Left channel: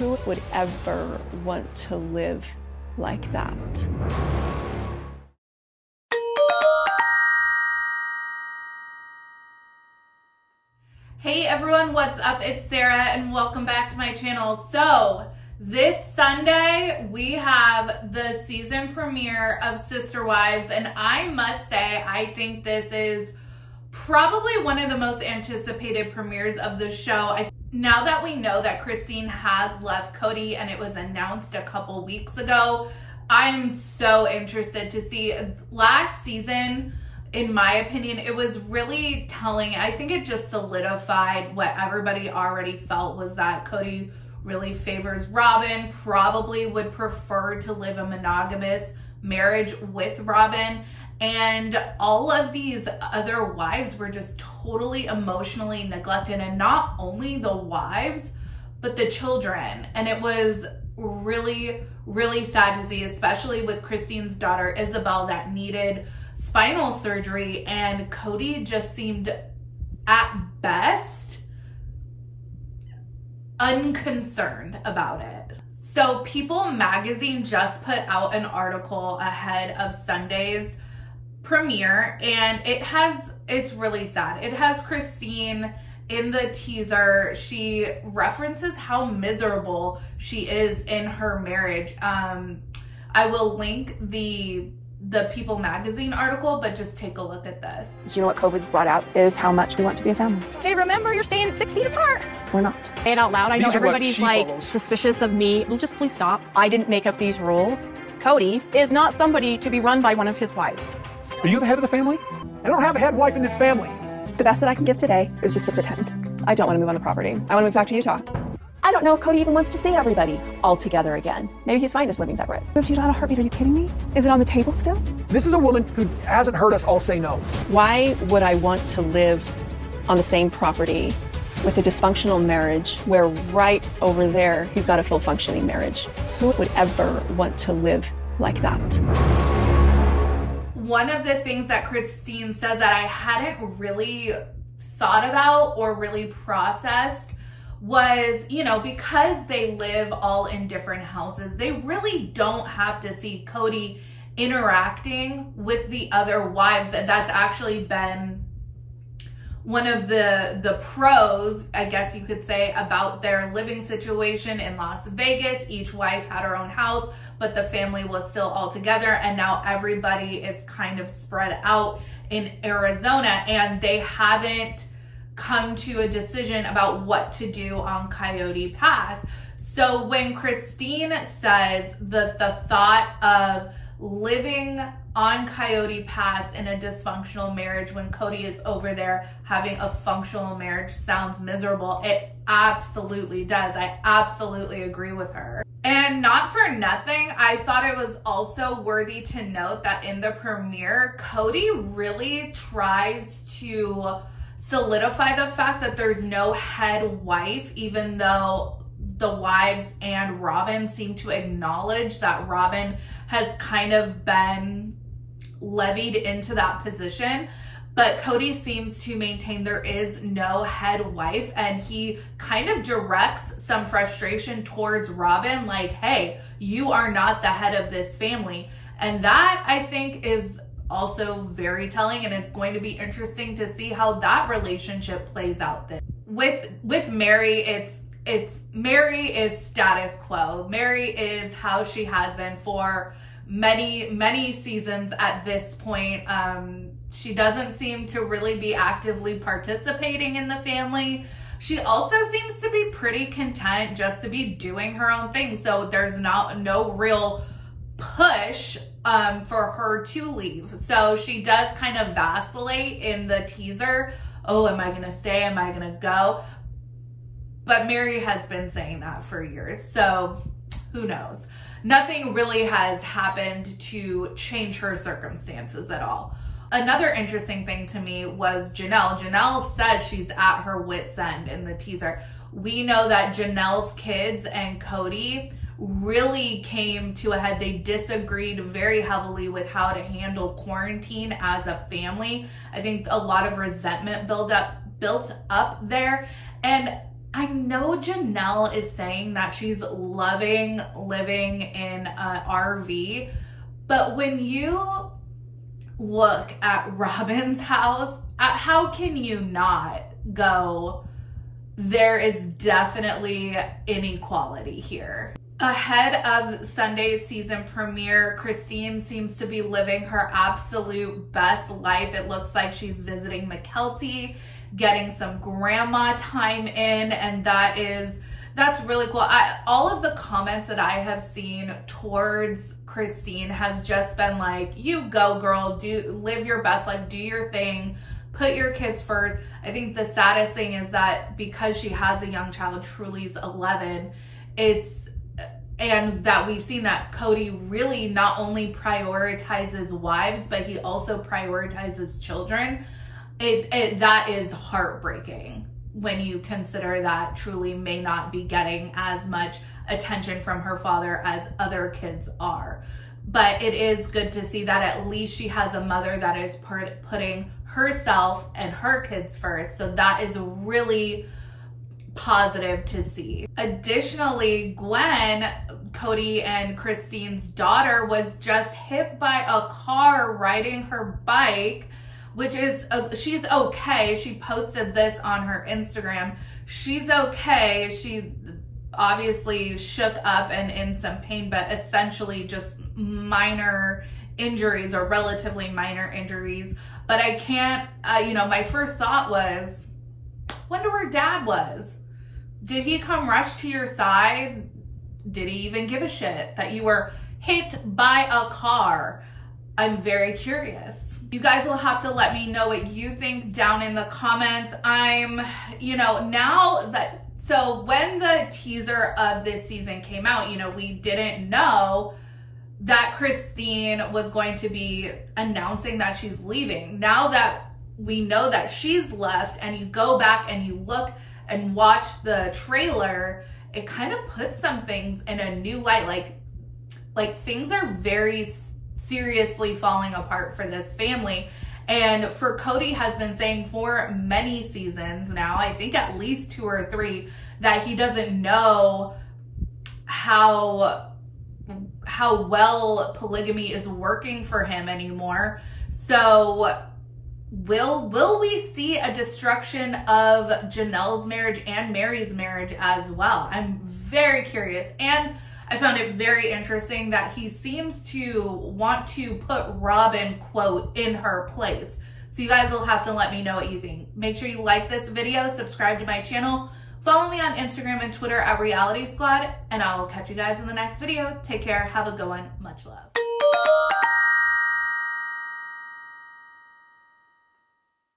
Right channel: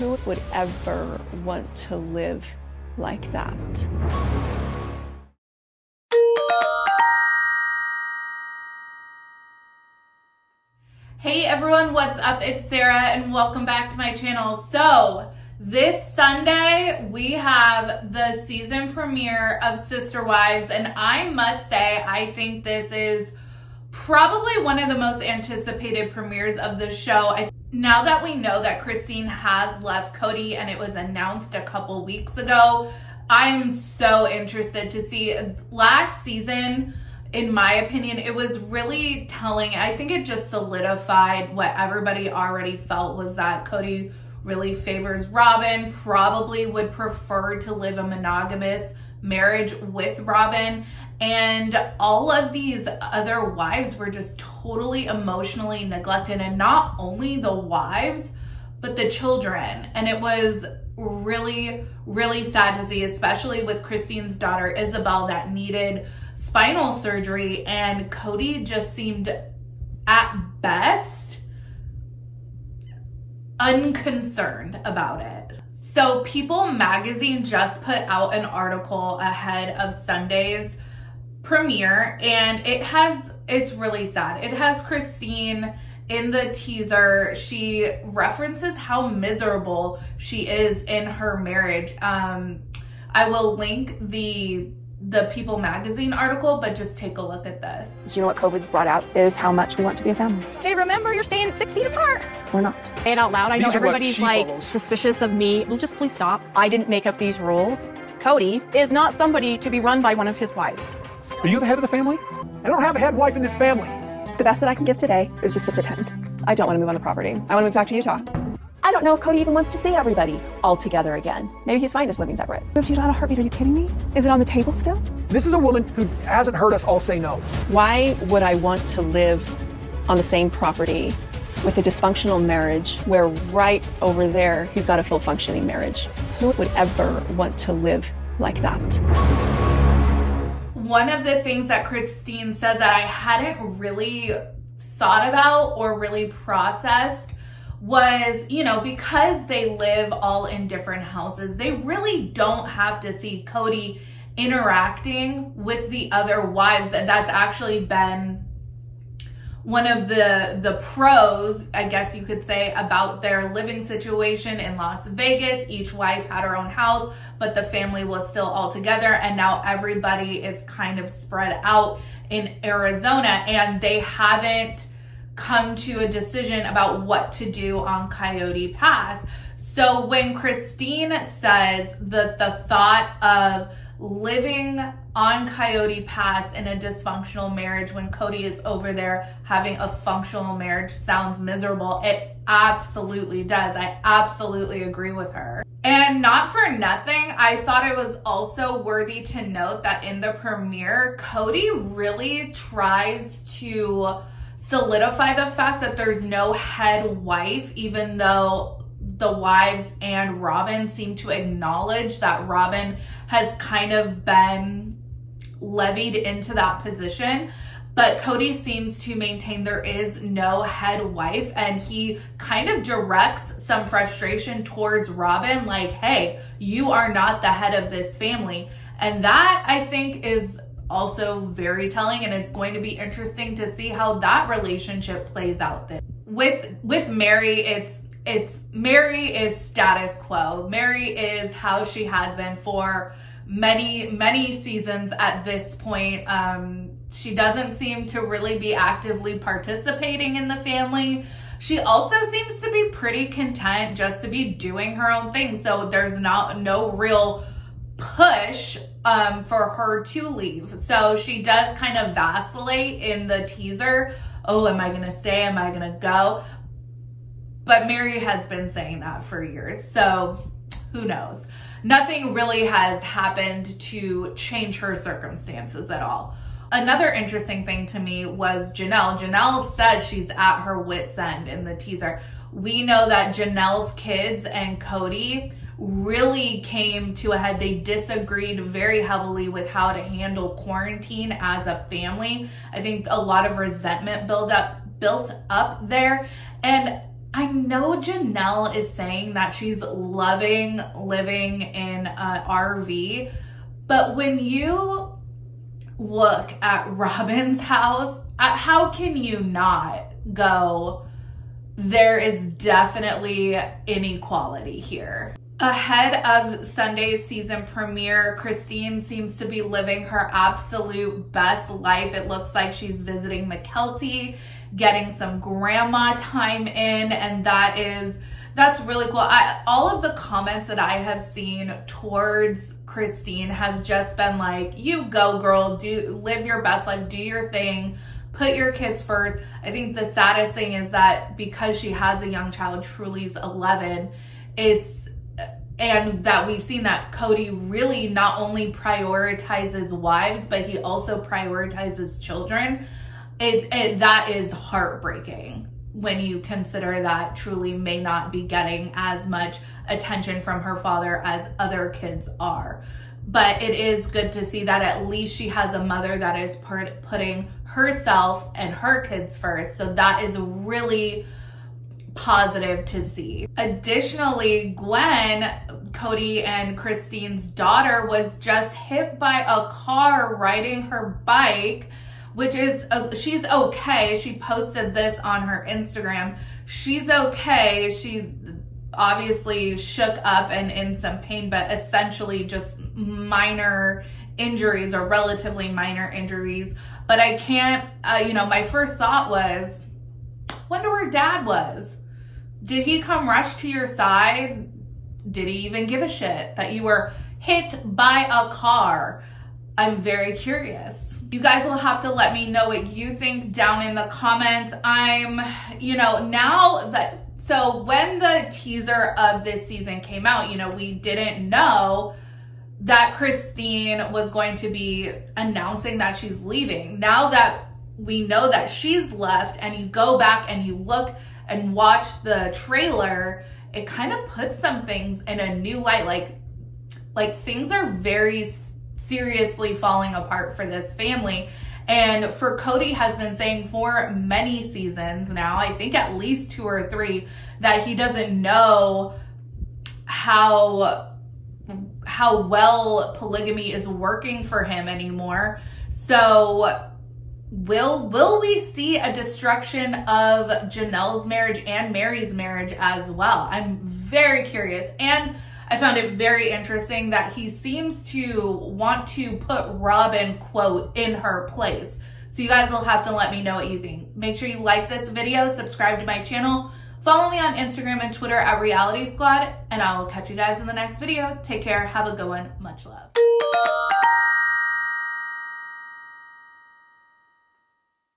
Who would ever want to live like that? Hey everyone, what's up? It's Sarah and welcome back to my channel. So this Sunday we have the season premiere of Sister Wives, and I must say I think this is probably one of the most anticipated premieres of the show. Now that we know that Christine has left Kody and it was announced a couple weeks ago, I'm so interested to see. Last season, in my opinion, it was really telling. I think it just solidified what everybody already felt, was that Kody really favors Robin, probably would prefer to live a monogamous marriage with Robin. And all of these other wives were just totally emotionally neglected, and not only the wives, but the children. And it was really, really sad to see, especially with Christine's daughter, Isabel, that needed spinal surgery, and Kody just seemed at best unconcerned about it. So People magazine just put out an article ahead of Sunday's premiere, and it's really sad. It has Christine in the teaser. She references how miserable she is in her marriage. I will link the People magazine article, but just take a look at this. You know what COVID's brought out is how much we want to be a family. Okay, remember, you're staying 6 feet apart. We're not. Say it out loud. I know everybody's like suspicious of me. Well, just please stop. I didn't make up these rules. Cody is not somebody to be run by one of his wives. Are you the head of the family? I don't have a head wife in this family. The best that I can give today is just to pretend. I don't want to move on the property. I want to move back to Utah. I don't know if Cody even wants to see everybody all together again. Maybe he's fine just living separate. Moved to Utah in a heartbeat. Are you kidding me? Is it on the table still? This is a woman who hasn't heard us all say no. Why would I want to live on the same property with a dysfunctional marriage where right over there he's got a full functioning marriage? Who would ever want to live like that? One of the things that Christine said that I hadn't really thought about or really processed was, you know, because they live all in different houses, they really don't have to see Kody interacting with the other wives. And that's actually been one of the pros, I guess you could say, about their living situation in Las Vegas. Each wife had her own house, but the family was still all together, and now everybody is kind of spread out in Arizona, and they haven't come to a decision about what to do on Coyote Pass. So when Christine says that the thought of living on Coyote Pass in a dysfunctional marriage when Kody is over there having a functional marriage sounds miserable, it absolutely does. I absolutely agree with her. And not for nothing, I thought it was also worthy to note that in the premiere, Kody really tries to solidify the fact that there's no head wife, even though the wives and Robin seem to acknowledge that Robin has kind of been levied into that position. But Kody seems to maintain there is no head wife, and he kind of directs some frustration towards Robin, like, hey, you are not the head of this family. And that, I think, is also very telling, and it's going to be interesting to see how that relationship plays out. With Mary, Mary is status quo. Mary is how she has been for many seasons at this point. She doesn't seem to really be actively participating in the family. She also seems to be pretty content just to be doing her own thing. So there's no real push for her to leave. So she does kind of vacillate in the teaser. Oh, am I gonna stay? Am I gonna go? But Mary has been saying that for years. So who knows? Nothing really has happened to change her circumstances at all. Another interesting thing to me was Janelle. Janelle says she's at her wit's end in the teaser. We know that Janelle's kids and Kody really came to a head. They disagreed very heavily with how to handle quarantine as a family. I think a lot of resentment built up there. And I know Janelle is saying that she's loving living in an RV, but when you look at Robin's house, how can you not go, there is definitely inequality here. Ahead of Sunday's season premiere, Christine seems to be living her absolute best life. It looks like she's visiting McKelty, getting some grandma time in, and that's really cool. All of the comments that I have seen towards Christine has just been like, you go girl, live your best life, do your thing, put your kids first. I think the saddest thing is that because she has a young child, Truly's 11, and that we've seen that Kody really not only prioritizes wives, but he also prioritizes children. That is heartbreaking when you consider that Truly may not be getting as much attention from her father as other kids are. But it is good to see that at least she has a mother that is putting herself and her kids first. So that is really positive to see. Additionally, Gwen, Kody and Christine's daughter, was just hit by a car riding her bike, which is, she's okay. She posted this on her Instagram. She's okay. She obviously shook up and in some pain, but essentially just minor injuries or relatively minor injuries. But I can't, my first thought was, wonder where dad was. Did he come rush to your side? Did he even give a shit that you were hit by a car? I'm very curious. You guys will have to let me know what you think down in the comments. So when the teaser of this season came out, we didn't know that Christine was going to be announcing that she's leaving. Now that we know that she's left and you go back and you look and watch the trailer, it kind of puts some things in a new light. Like things are very seriously falling apart for this family. And for Kody has been saying for many seasons now, I think at least 2 or 3, that he doesn't know how well polygamy is working for him anymore. So will we see a destruction of Janelle's marriage and Mary's marriage as well? I'm very curious. And I found it very interesting that he seems to want to put Robin, quote, in her place. So you guys will have to let me know what you think. Make sure you like this video, subscribe to my channel, follow me on Instagram and Twitter at Reality Squad, and I will catch you guys in the next video. Take care, have a good one, much love.